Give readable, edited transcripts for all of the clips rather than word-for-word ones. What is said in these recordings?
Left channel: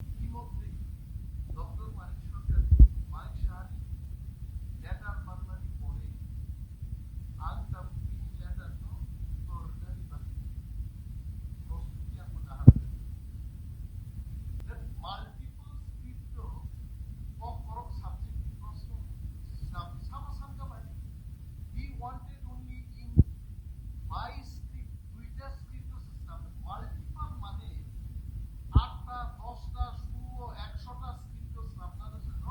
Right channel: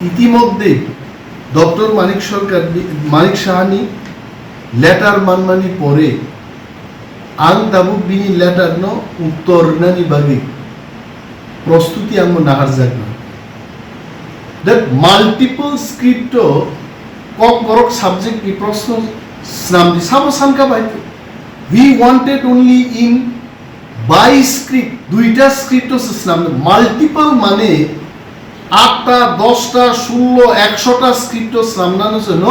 ইতিমধ্যে ডক্টর মানিক সাহানি লেটার মানমানি পরে আং দাবু বিনি লেটার ন উত্তর নানি বাগে প্রস্তুতি আঙ্গ নাহার যাক না that multiple script kokborok subject কি প্রশ্ন স্নামদি সাবো সানকা বাইতে we wanted only in by script দুইটা স্ক্রিপ্ট স্নাম মাল্টিপল মানে 8টা 10টা 16 100টা স্ক্রিপ্ট সামনানো জন্য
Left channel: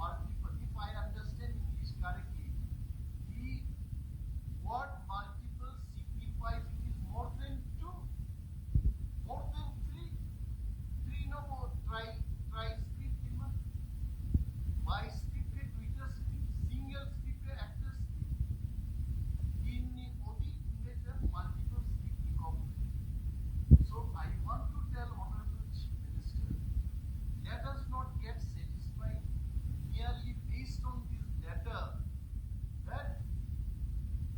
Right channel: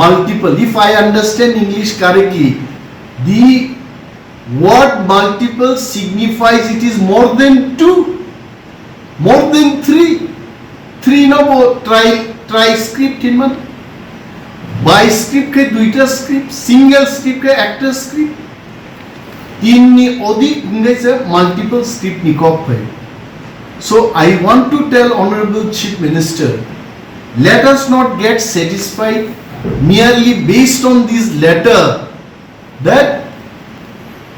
multiple. If I understand English correctly, the word multiple signifies it is more than 2, more than 3 no try script in man by script ke duita script single script ke actor script तीन ni odik English multiple script ni kop hai. So I want to tell Honorable Chief Minister, let us not get satisfied merely based on this letter that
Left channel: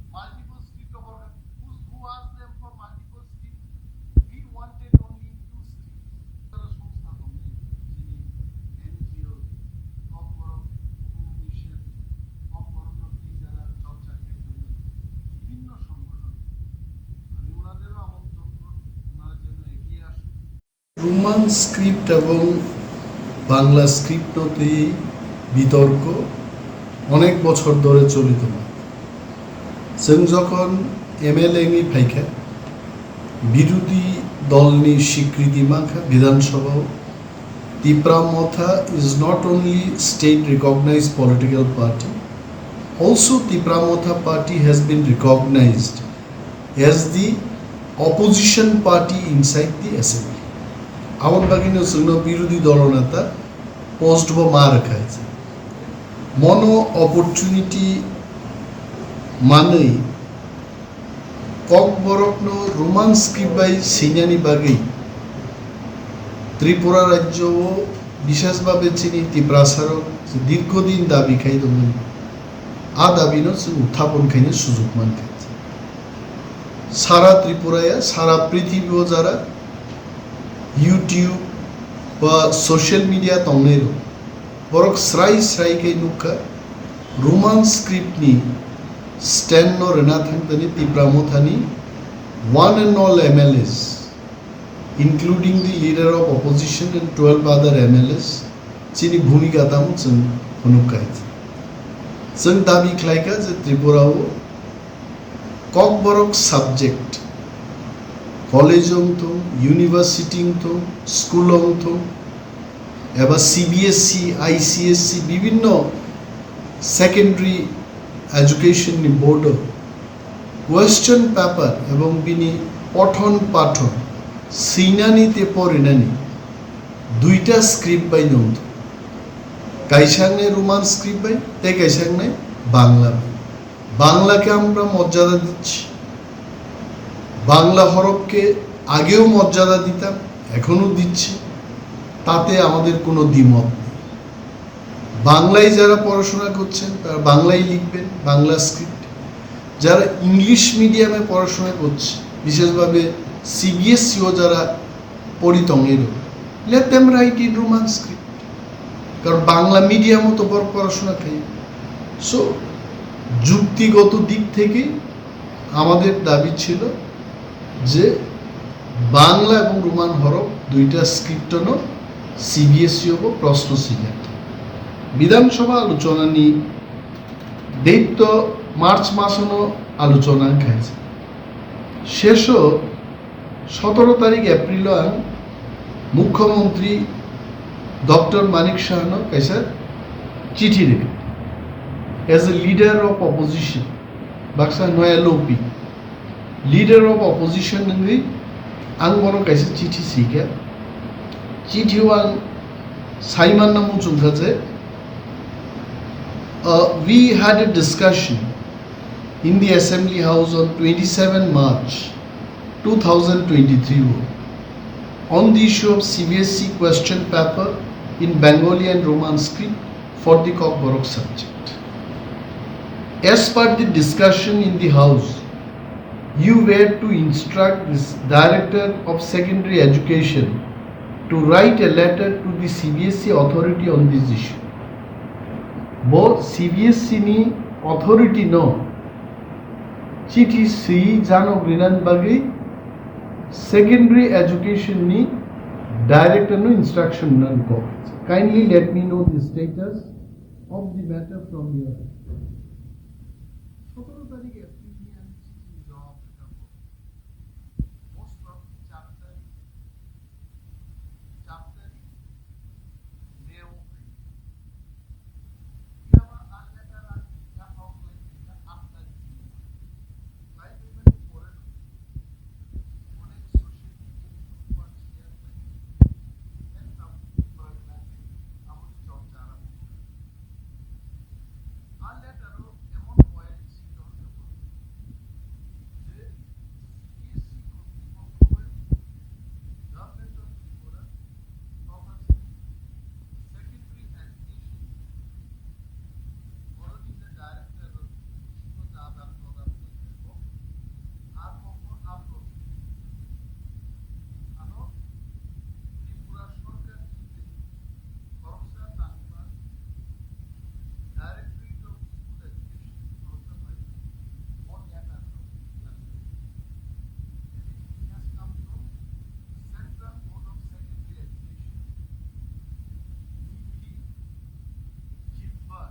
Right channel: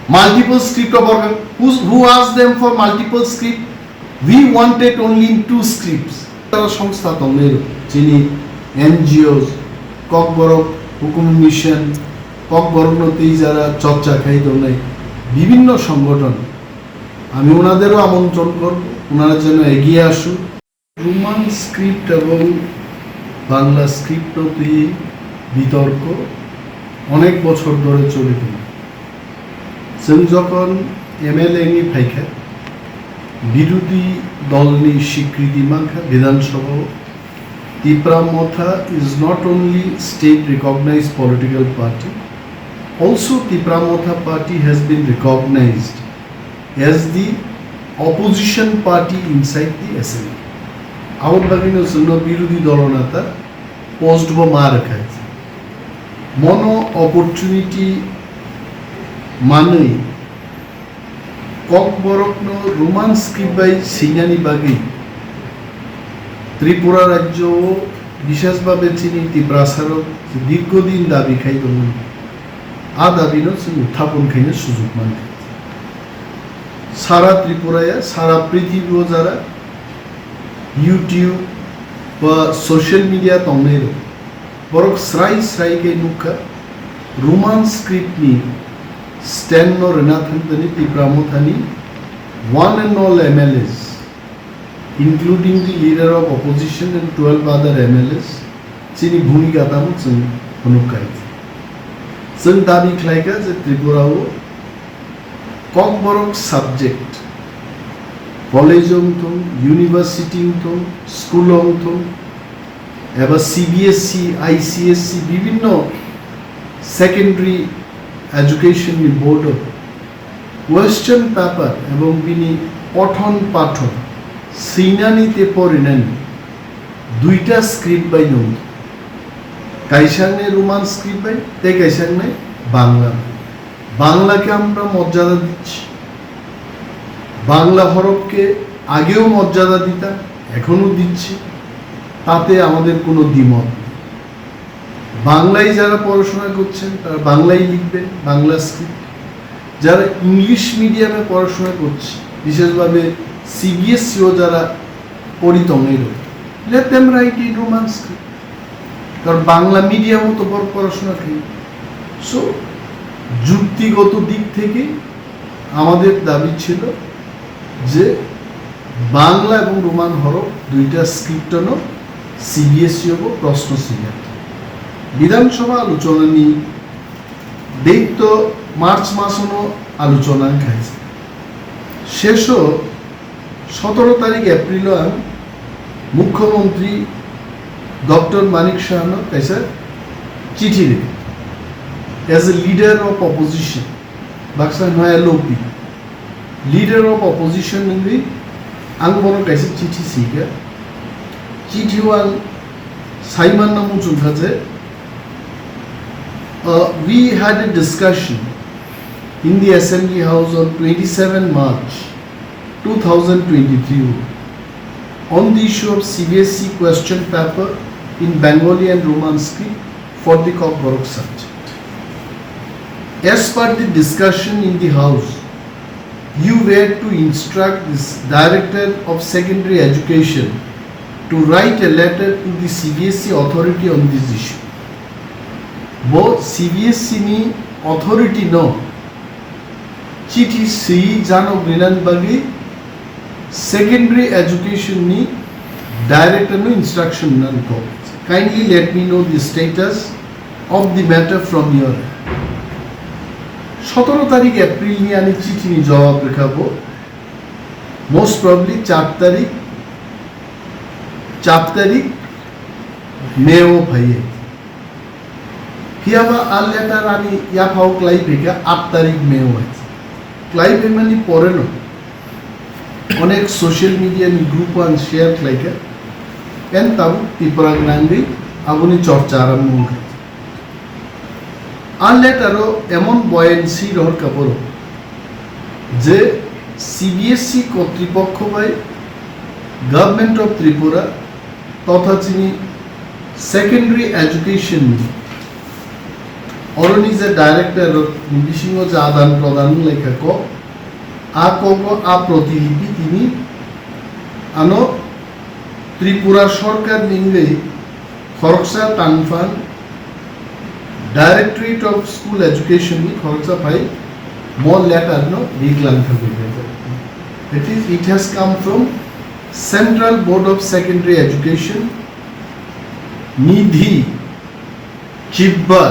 multiple script of who asked them for multiple script. We wanted only 2 scripts. সংস্থা তমের যিনি NGOs kokborok হুকুম mission kokboroknoতেই যারা চর্চাখাই দোনাই বিভিন্ন সংগঠন আমি ওনাদেরও আমন্ত্রণ করব ওনারা যেন এগিয়ে আসুন রোমান স্ক্রিপ্ট এবং বাংলা স্ক্রিপ্ট নিয়ে বিতর্ক অনেক বছর ধরে চলিত जों যখন MLA নি ফাইখা বিরোধী দলনি স্বীকৃতি মাখা বিধানসভাও Tipra Motha is not only state recognized political party, also Tipramotha party has been recognized as the opposition party inside the assembly. আমার বাগিনের জন্য বিরোধী দলনেতা পোস্ট বা মার খাইছে মনো অপরচুনিটি মানে kokborokno Roman script by Singhani বাগে ত্রিপুরা রাজ্য বিশেষভাবে চিনি ত্রিপ্রাসারক দীর্ঘদিন দাবি খাইদোমন আ দাবিনো উত্থাপন খাইনে সুযোগ মান খাইছে সারা ত্রিপুরায় সারা পৃথিবীও যারা ইউটিউব বা সোশ্যাল মিডিয়া তংনেরো বরক স্রাই নুকা রোমান স্ক্রিপ্ট নি স্ট্যান্ড নো রেনাথানি ত্রিপ্রামথানি one and all MLAs including the leader of opposition and 12 other MLAs চিনি ভূমিকা তাম जों नुखाइছে जों दाबि खालायगा जे त्रिपुराव kokborok সাবজেক্ট কলেজং তো ইউনিভার্সিটি তো স্কুলং তো এবার CBSE ICSE বিভিন্ন secondary education board question paper এবং বিনি পঠন পাঠন সিনানিতে পরিনানি দুইটা স্ক্রিপ্ট বাই নম কাইসাংনে রোমান স্ক্রিপ্ট বাই তে কাইসাংনে বাংলা বাংলাকে আমরা মর্যাদা দিচ্ছি বাংলা হরফকে আগেও মর্যাদা দিতাম এখনো দিচ্ছি তাতে আমাদের কোনো দ্বিমত নেই বাংলায় যারা পড়াশোনা করছেন তারা বাংলায় লিখবেন বাংলা স্ক্রিপ্ট যারা ইংলিশ মিডিয়ামে পড়াশোনা করছে বিশেষভাবে CBSEও যারা পড়িতমের let them write in Roman script কারণ বাংলা মিডিয়ামও তো পড়াশোনা খাই সো যুক্তিগত দিক থেকে আমাদের দাবি ছিল যে বাংলা এবং রোমান হরফ দুইটা স্ক্রিপ্টনো CBSE হবো প্রশ্ন সিলেক্ট বিধানসভা আলোচনা নি দৈত্য মার্চ মাসনো আলোচনা খাইছে শেষও 17 তারিখ এপ্রিল মুখ্যমন্ত্রী ডক্টর মানিক সাহানো কাইসা চিঠি লিখে as a leader of opposition baksa noya lopi leader of opposition ni angbono kaise chithi sikha chithi wal saiman namu chungkha je we had a discussion in the assembly house on 27 March 2023 on the issue of CBSE question paper in Bengali and Roman script for the kokborok subject. As per the discussion in the house, you were to instruct this Director of Secondary Education to to write a letter to the CBSE authority on this issue. Bo CBSE ni authority no chithi si jano grinan bagi secondary education ni director no instruction nan ko. Kindly let me know the status of the matter from your 17 তারিখ April নিয়ে আমি চিঠি নিয়ে জবাব লেখাবো most probably 4 তারিখ মেও ভাইয়ে কিয়াবা আর letter আমি ইয়া ফাও ক্লাইভেকা 8 তারিখ মেও আছে ক্লাইভে মানে পরে না অনেক সোশ্যাল মিডিয়া নি গ্রুপ ওয়ান শেয়ার ক্লাইকা কেন তাও ত্রিপুরাগ্রান্ডি আগুনি চর্চা আরম্ভ হয়েছে আর লেটারও এমন বয়েন্সি রহর কাপড় যে সিবিএসই কর্তৃপক্ষ বাই গভর্নমেন্ট অফ ত্রিপুরা তথা চিনি সেকেন্ডারি এডুকেশন অরনি যে ডাইরেক্টর বিশিঙ্গ যে আদান প্রদান লেখা ক আ প্রতিলিপি তিনি আনো ত্রিপুরা সরকার নিংগে খরকসা টানফান Directorate of School Education ni khorcha pai more letter no diglan thabe it has come from Central Board of Secondary Education Nidhi Chibba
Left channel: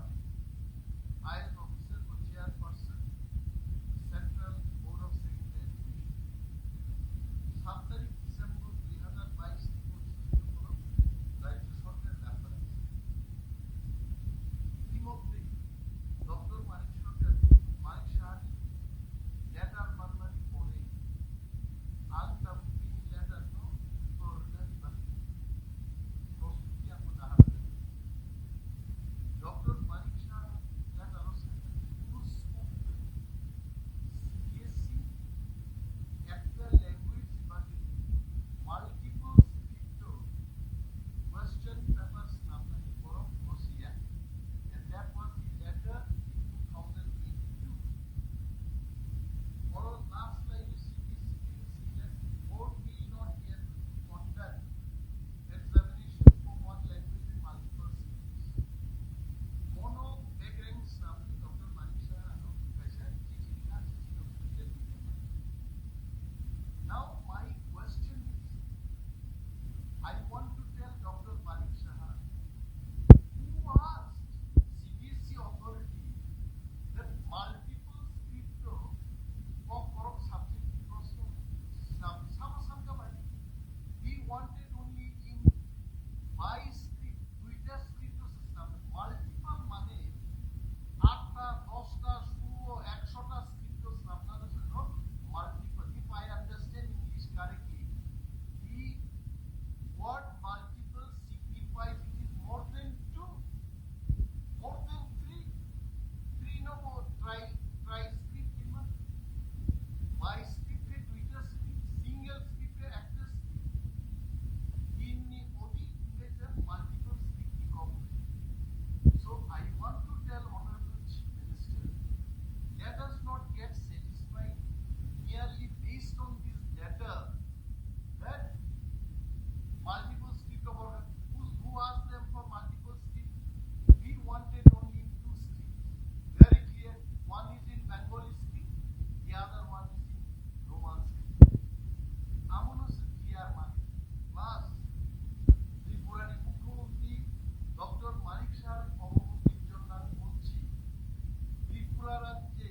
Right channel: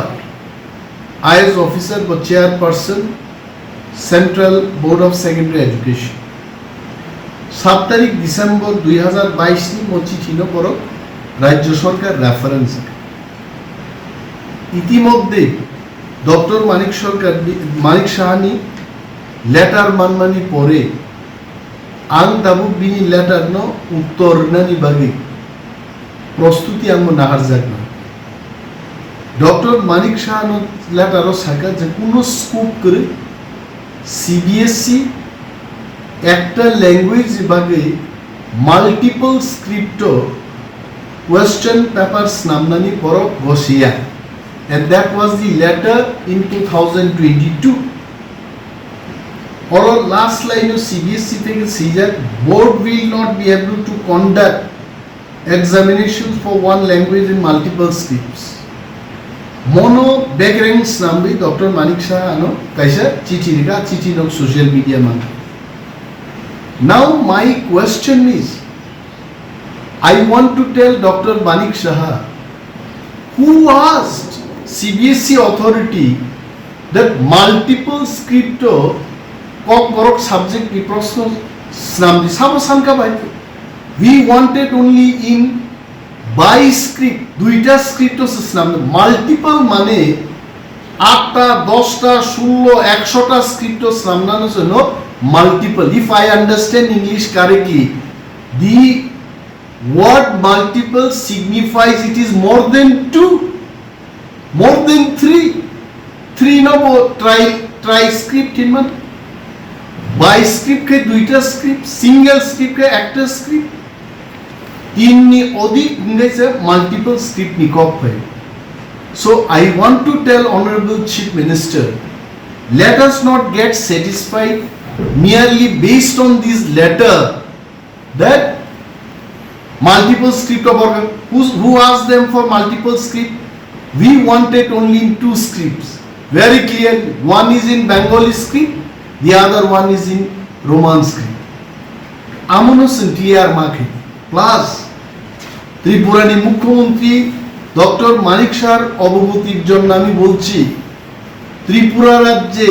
IAS officer but chairperson Central Board of Secondary Education 7 তারিখ December 2022 নি মোচি ঠিনো পর রাজ্য সরকার reference ইতিমধ্যে doctor মানিক Sahani letter মানমানি পরে আং দাবু বিনি letter ন উত্তর নানি বাগে প্রস্তুতি আঙ্গ নাহার যাক না ডক্টর মানিক সাহানো লেটারও সাকা যে কোনো স্কোপ করে সিবিএসই একটা ল্যাঙ্গুয়েজ বাগে মাল্টিপল স্ক্রিপ্ট কোয়েশ্চেন পেপারস নামনানি পর বসিয়া and that was the letter in 2022 or last line of CBSE থেকে caesar board will not be able to conduct examinations for one language in multiple scripts mono backgrounds nambi Dr. Manik Shah ano kaisa chithi no social media man now my question is I want to tell Dr. Manik Shah who asked CBSE authority that multiple script Kokborokno subject ki proshno snamdi sabo sanka baite we wanted only in by script duita script snamdi multiple mane 8টা 10টা 16 100টা script snamnano jono multiple if I understand English correctly the word multiple signifies it is more than 2 more than 3 no try script in man by script ke duita script single script ke actor script inni odik ingese multiple script ni kop hai so I want to tell honorable chief minister let us not get satisfied merely based on this letter that multiple script of who asked them for multiple script we wanted only in 2 scripts very clear one is in Bengali script the other one is in Roman script amono clear market plus ত্রিপুরানি মুখ্যমন্ত্রী doctor মানিক শাহর অবগতির জন্য আমি বলছি ত্রিপুরা রাজ্যে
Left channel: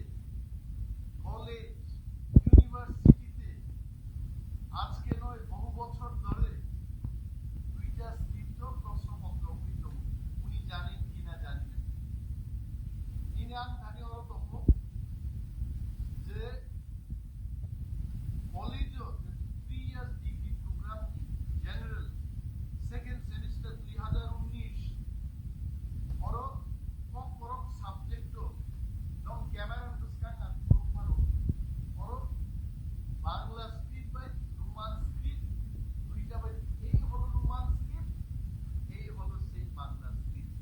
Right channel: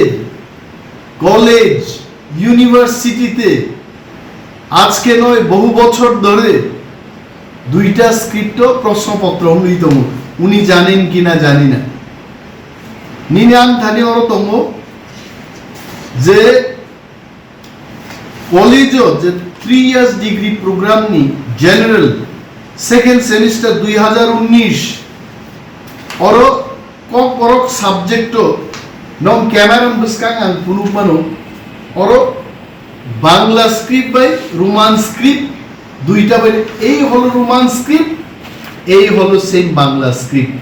college ইউনিভার্সিটিতে আজকে নয় বহু বছর ধরে 2টা স্ক্রিপ্ট প্রশ্নপত্র অন্যতম উনি জানেন কিনা জানি না নিনাম থানি অরতম যে কলেজ যে 3 ইয়ার্স ডিগ্রি প্রোগ্রাম নি জেনারেল সেকেন্ড সেমিস্টার 2019 অর Kokborokno সাবজেক্ট নম ক্যামেরাম বসকাং আং পুনুমানো অর বাংলা স্ক্রিপ্ট বাই রোমান স্ক্রিপ্ট দুইটা বাই এই হলো রোমান স্ক্রিপ্ট এই হলো সেম বাংলা স্ক্রিপ্ট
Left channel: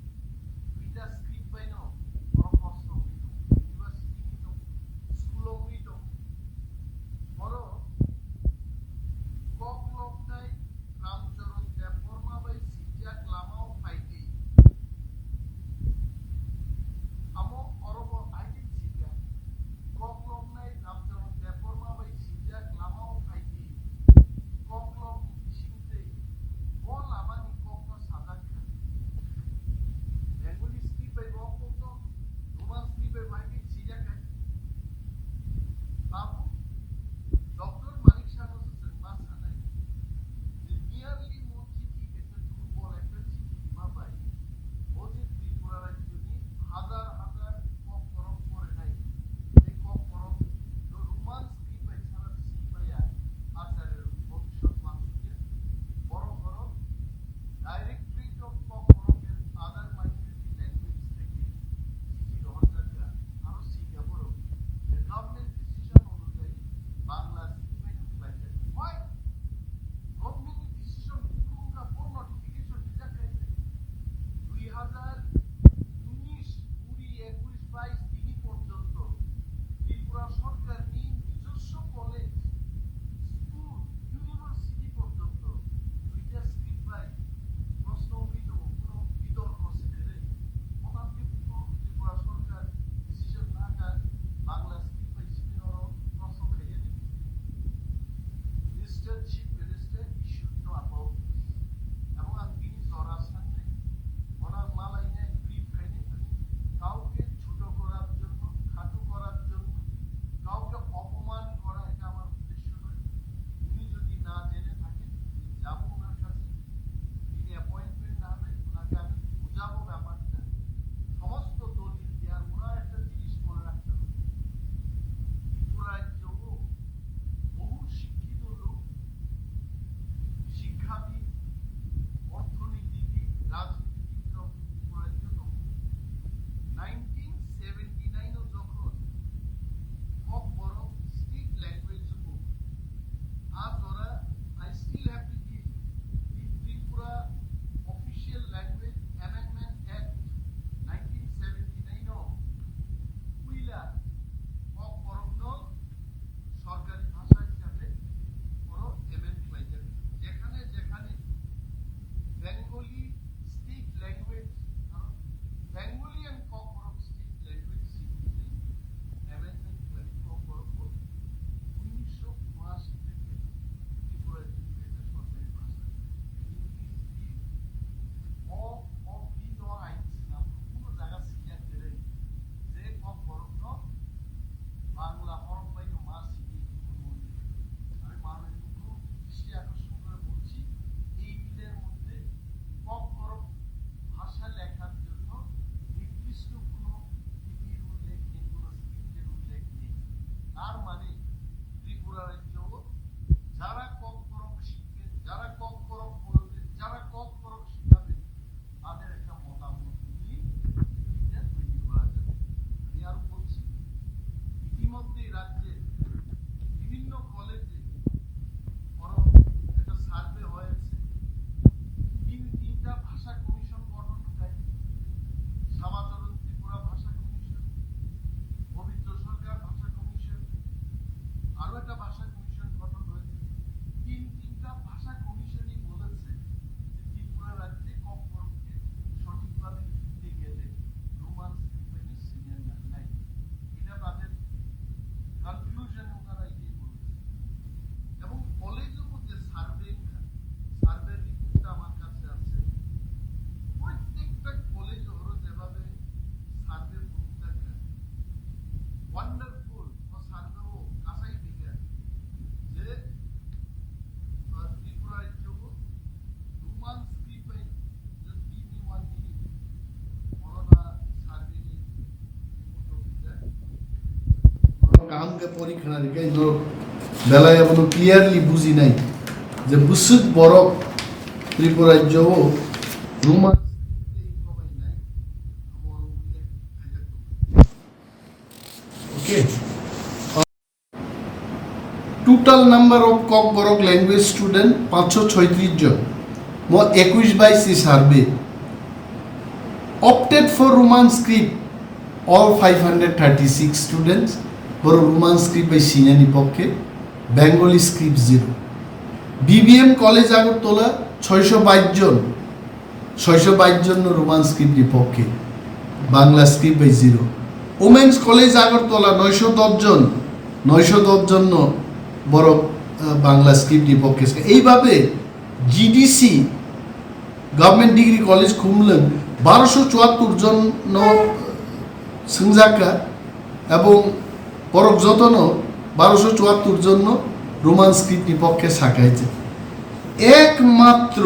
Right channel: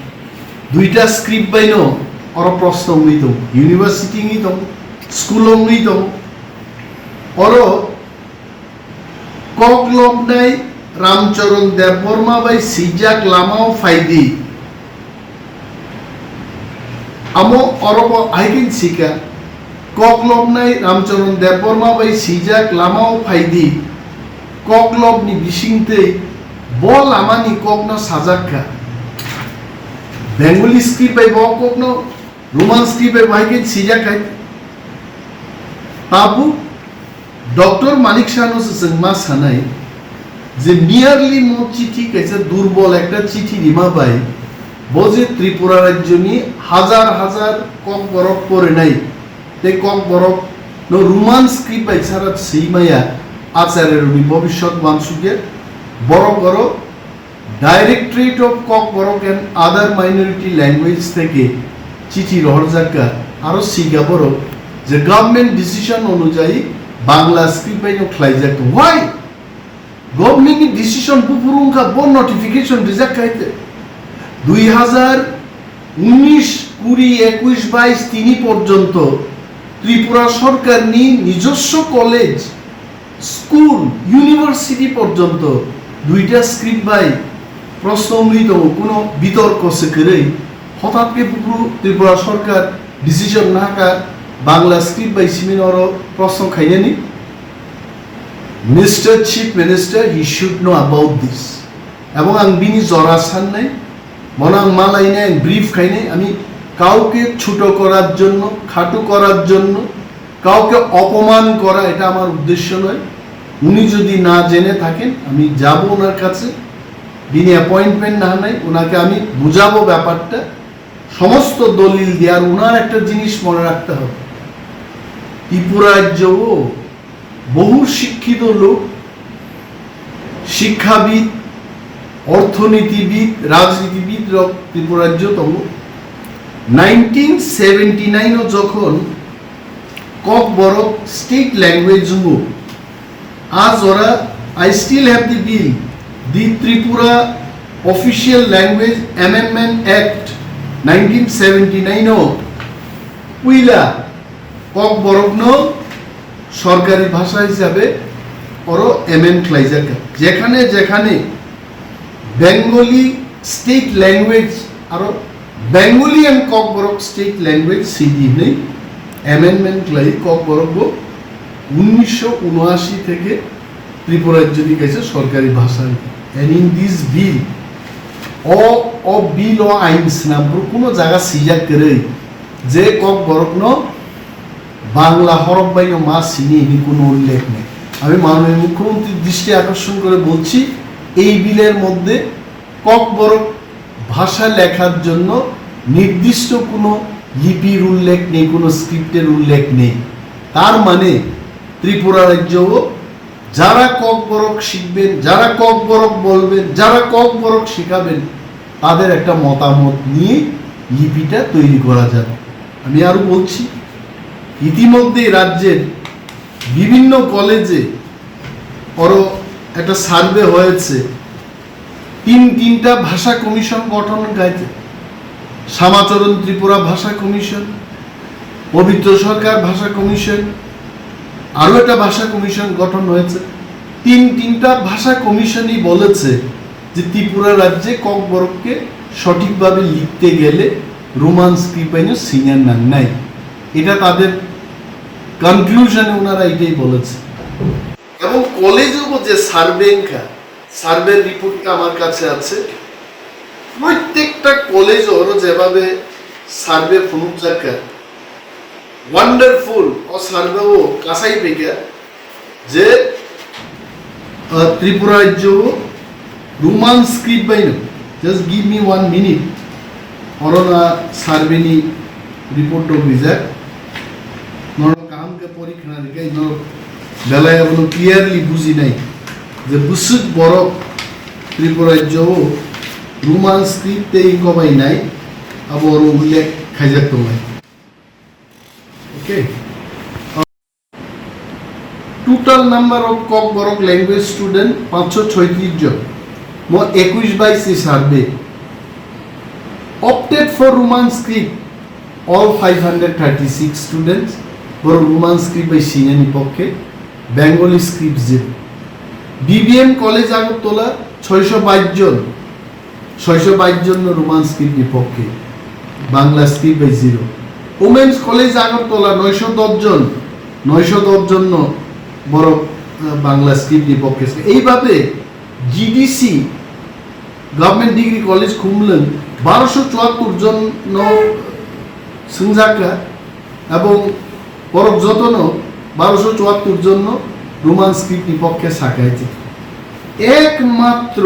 2টা স্ক্রিপ্ট বাইনো অর প্রশ্ন হইতো ইউনিভার্সিটি হইতো স্কুল হইতো অর koklognai রামচরণ দেববর্মা বাই সিজাক লামাও ফাইদি আমো অরব আইকিন সিকা ককলবনাই রামচরণ দেববর্মা বাই সিজাক লামাও ফাইদি ককলবনি বিসিংতে বল আমানি ককনো সাজাক্কা বেঙ্গলি স্ক্রিপ্ট বাই বক ককনো রোমান স্ক্রিপ্ট বাই আইকিন সিজাক খাই বাবু ডক্টর মানিক শাহনো जोंमा सानाय যে মিয়ারলি মো চিঠি কেছে দুর্বল একটা চিঠি রিমা পাই বজে ত্রিপুরা রাজ্য নিয়ে হাজার হাজার কক বরফ করে নাই তে কক বরফ নো রোমান স্ক্রিপ্ট বাই ছাড়া সেইমায়া আচারের উনি ভবিষ্যৎ মানসুকে বড় বড় ডাইরেক্টরেট অফ কক বরফ এন্ড আদার মাইনরিটি ল্যাঙ্গুয়েজ থেকে চিঠি রহরজাকা আরো সিগা বড় যে গভর্নমেন্ট ডিসিশন অনুযায়ী বাংলা স্ক্রিপ্ট বাই খ্লাইজাক ওয়াই গভর্নমেন্ট ডিসিশন পুপুরুঙ্কা বন নোটিফিকেশন রিজাক্ট খাইতে 2019 20 21 22 তিনি পর্যন্ত ত্রিপুরা সরকার নি নিজস্ব কলেজ স্কুল ইউনিভার্সিটি পর্যন্ত দুইটা স্ক্রিপ্ট বাই প্রশ্ন অমৃত কোনো বিতর্ক সেকরেই হঠাৎকে পুপুরু ত্রিপুরা সরকার ডিসিশন নাকা বাংলা স্ক্রিপ্ট বাই সিমিনর প্রশ্ন খাইনি Mr. Chief Minister, he should know about this. এবং আমি বিনি জরা সান নাই মনাং মালাই নাই ব্রিফ খাই নাই আমি কাউকে ছোট করার জন্য খাটো করার জন্য কাউকে অপমান করা এটা আমার উদ্দেশ্য নয় উনি যদি না জেনে থাকেন আমি যাব ওনার কাছে বিনি অ্যাপয়েন্টমেন্ট না নাই ওনাকে আমি বুঝাবো ব্যাপারটা সমস্ত দলিল দিয়ে আর ওনার একটা জিনিস মনে রাখতে হবে ত্রিপুরা রাজ্য বহু শিক্ষিত লোক শিক্ষাবিদ অর্থনীতিবিদ রাজনীতিবিদ ত্রিপুরা রাজ্য তম 1979 যখন ককবরক স্টেট ল্যাঙ্গুয়েজ আজ ওরা I still have the bill the Tripura official language amendment act 1979 উইলা ককবরকন সরকারি ভাষা হিসাবে ওর এমএন ক্লাইজাকা যেখানে যেখানে বেঙ্গলি স্টেট ল্যাঙ্গুয়েজ আর Bengali and Kokborok state language সিডি নেই অ্যামেন্ডমেন্ট ক্লাই ককবরক 1979 থেকে ত্রিপুরা রাজ্যে গেছে সরকারি ভাষা এন্ড ইন দিস বিল ও বিল ও আইনস নাম কোনো জায়গা সিজাক করে যে ককবরক বাংলা হরফ বাইনো মা সিনি কোনো উল্লেখ নেই আমি মাননীয় মুখ্যমন্ত্রীর দৃষ্টি আকর্ষণ করে বলছি এই বিলের মধ্যে ককবরক ভাষা লেখার জন্য নির্দিষ্ট কোনো লিপির উল্লেখ নেই কোনো স্ক্রিপ্টের উল্লেখ নেই তার মানে ত্রিপুরা রাজ্য যারা ককবরক শিখবেন যারা ককবরক বলবেন যারা ককবরক শেখাবেন তাদের একটা মতামত নিয়ে লিপিটা তৈরি করা যাবে আমি আরো বলছি ইতিমধ্যে রাজ্যের বিভিন্ন কলেজে একটা সার্ভে হয়েছে তিনটা ভাষা কমিশন গঠন গাইতে শ্যামাচরণ ত্রিপুরা ভাষা কমিশন পবিত্র সরকার ভাষা কমিশন আরো একটা ভাষা কমিশন গঠন হয়েছে তিনটা ভাষা কমিশনই বলেছে যে ত্রিপুরা রাজ্যে ককবরককে সঠিকভাবে লিখতে গেলে রোমান স্ক্রিপ্ট সিনিয়র নাম নাই এটা তাদের কনক্লুশনে ওনারা এটাই বলেছে এবং কলেজেও যে সার্ভে রিপোর্টটা আমার কাছে আছে প্রত্যেকটা কলেজ ওরা যেভাবে সার্ভে ফুনুজাকা ওয়ান্ডারফুল ও সার্ভে ও কাসাই পেকা যে ত্রিপুরা রাজ্য রোমান স্ক্রিপ্ট বাইনো জাস্ট গিভ মি 1 মিনিট অরনা সার্ভেনি রিপোর্ট অফিসার কাম কে পরীক্ষা দিকে বেলায় কোনো ক্লিয়ারলি বুঝি নাই যে বুসুদ বড় ত্রিপুরা রাজ্য রোমান স্ক্রিপ্ট এই কমাই নাই আবার উল্লেখ খাইজাক তোমায় okay total number of Kokborok language student 536 জন মো 21-22 survey opted for Roman script all 536 students for Roman script by Sinani পক্ষে Bengali script 0 BBM college Agartala 622 জন রোমান স্ক্রিপ্ট বিপক্ষে, Bangla script 0। Women's college Agartala 910 জন বড় বাংলা স্ক্রিপ্ট বিপক্ষে। এইভাবে জিডিসি গভর্নমেন্ট ডিগ্রি কলেজ খুমলেন 1274 জন থানসাখে এবং পরক জতনো 1274 জন Roman script বিপক্ষে সাকাইছে। একমাত্র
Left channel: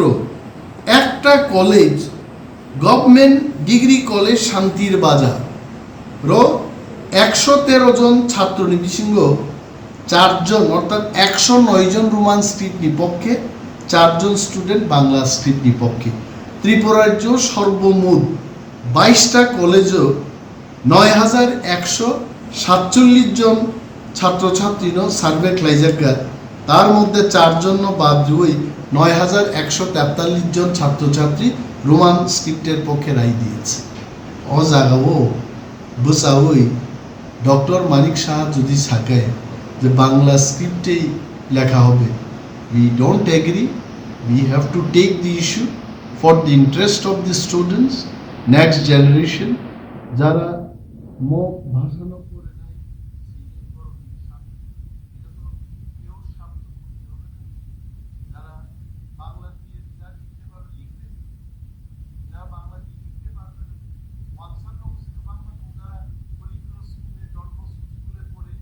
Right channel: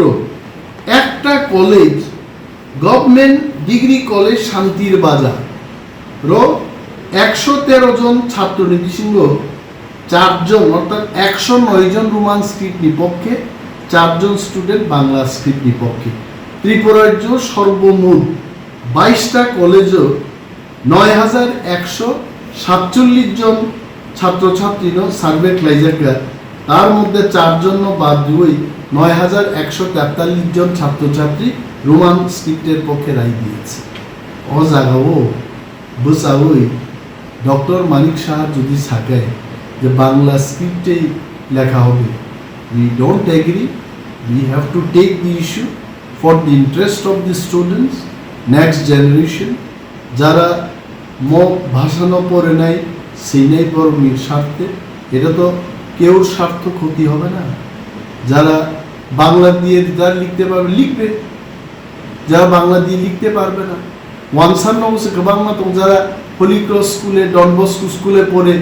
একটা কলেজ গভর্নমেন্ট ডিগ্রি কলেজ শান্তির বাজার 113 জন ছাত্র নির্দেশিঙ্গ 4 জন অর্থাৎ 109 জন রোমান স্ক্রিপ্ট বিপক্ষে, 4 জন স্টুডেন্ট বাংলা স্ক্রিপ্ট বিপক্ষে। ত্রিপুরার সর্বমোট 22টা কলেজও 9147 জন ছাত্রছাত্রী সার্ভে ক্লাইজাকা, তার মধ্যে 4 জন বাদ দিয়ে 9143 জন ছাত্রছাত্রী রোমান স্ক্রিপ্টের পক্ষে রায় দিয়েছে। ও জায়গাও বসাওই ডক্টর মানিক শাহ যদি থাকে যে বাংলা স্ক্রিপ্টেই লেখা হবে, we don't agree. We have to take the issue for the interest of the students, next generation. যারা ভাষানো পড়ে নাই সেই নাই পড়বির স্বার্থে, এটা তো কেউর স্বার্থ ক্ষতি হবে না। যারা বাংলা দিয়ে যারা লিখতে পারবে লিখবে, যারা বাংলা দিয়ে লিখতে পারবে না ওয়ানসান নমসে বাংলা তো যারা হোলি ক্রস স্কুলে ডন বস্কো স্কুলে পড়ে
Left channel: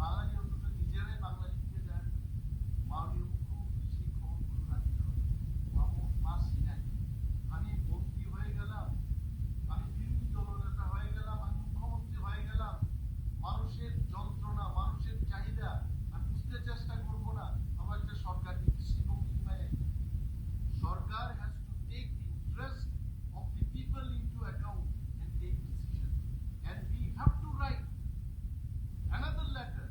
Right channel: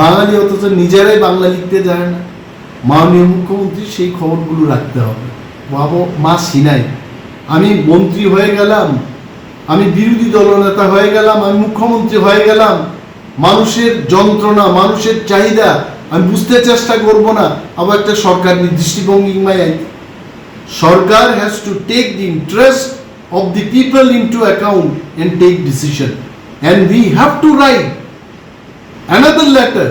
বাঙালি অথচ নিজেরাই বাংলা লিখতে যায় না। মাননীয় মুখ্যমন্ত্রী সেই খবরগুলো রাখতে হবে। বাবু মা সিনাই, আমি মন্ত্রী হয়ে গেলাম, আমি বিরোধী দলনেতা হয়ে গেলাম, আমি মুখ্যমন্ত্রী হয়ে গেলাম, মানুষের যন্ত্রণা মানুষের চাহিদা আমি বুঝতে চেষ্টা করব না, আবার একটা সরকার দৃষ্টিভঙ্গি সরকার has to take the interest of the people into account and take decision, and we have to write another letter.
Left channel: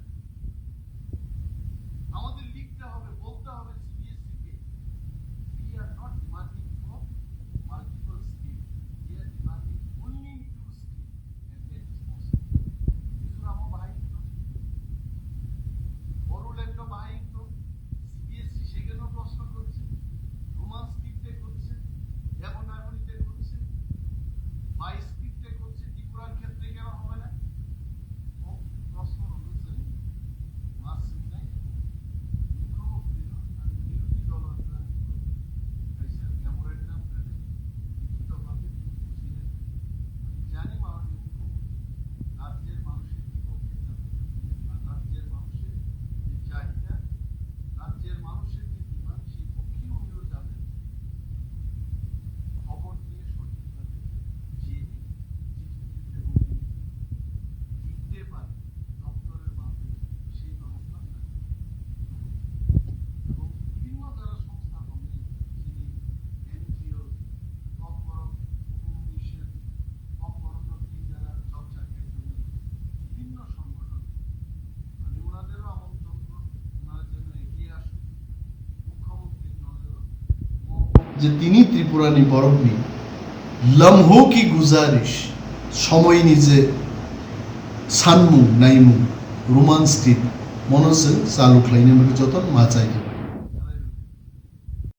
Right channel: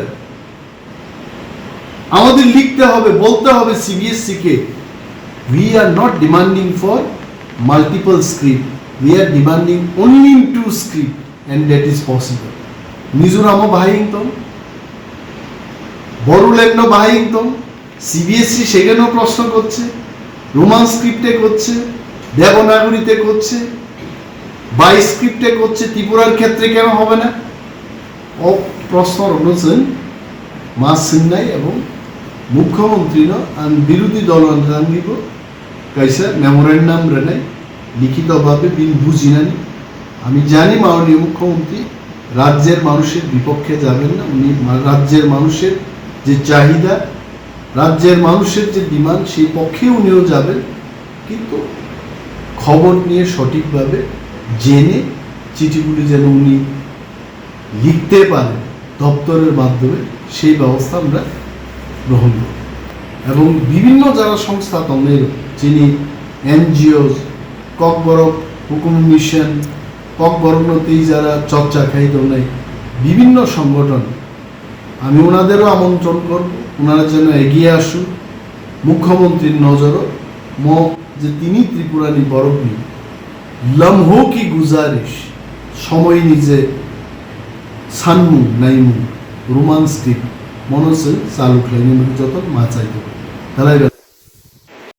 আমাদের লিখতে হবে, বলতে হবে CBSE K, we are not demanding for multiple script, we are demanding only in 2 script and that is possible. মিজোরামও বাহাইংতম, বড়োল্যান্ডও বাহাইংতম, CBSE সেখানেও প্রশ্ন করছে, রোমান স্ক্রিপ্টে করছে, দেবনাগরীতে করছে, 22 স্ক্রিপ্টে করছে, ত্রিপুরার ক্ষেত্রে কেন হবে না? ও প্রশ্ন রয়েছেন মা সিন্নাই এবং মুখ্যমন্ত্রী বিরোধী দল কাইসা মেমোরেন্ডাম রেনাই লিখিতভাবে বিল বুঝিনানি। আমি জানি মাননীয় মুখ্যমন্ত্রী রাজ্যের মানুষের বিপক্ষে যাবেন না, উনি রাজ্যের মানুষের যে চাহিদা, রাজ্যের মানুষের যে ডিমান্ড সেই পক্ষে উনিও যাবেন, কিন্তু খবর নিয়ে সঠিকভাবে জেনে চিঠিগুলি যেন উনি লিখতে পারেন দপ্তরের মাধ্যমে, সেই ব্যবস্থা আমরা গ্রহণ করি। এবং বিভিন্ন যারা সংস্থা তমের যিনি এনজিও ককবরক হুকুম মিশন ককবরকনতেই যারা চর্চা খাই দোনাই বিভিন্ন সংগঠন, আমি ওনাদেরও আমন্ত্রণ করব, ওনারা যেন এগিয়ে আসুন। মুখ্যমন্ত্রীর নজরও যে তিনি ত্রিপুরানি বরফনি লম্হো কি গুজারিশ সময় নিজে সানমু নাইমু রোমান স্ক্রিপ্ট মনসে চালু খাইনি যতন মা চাইতে তারাই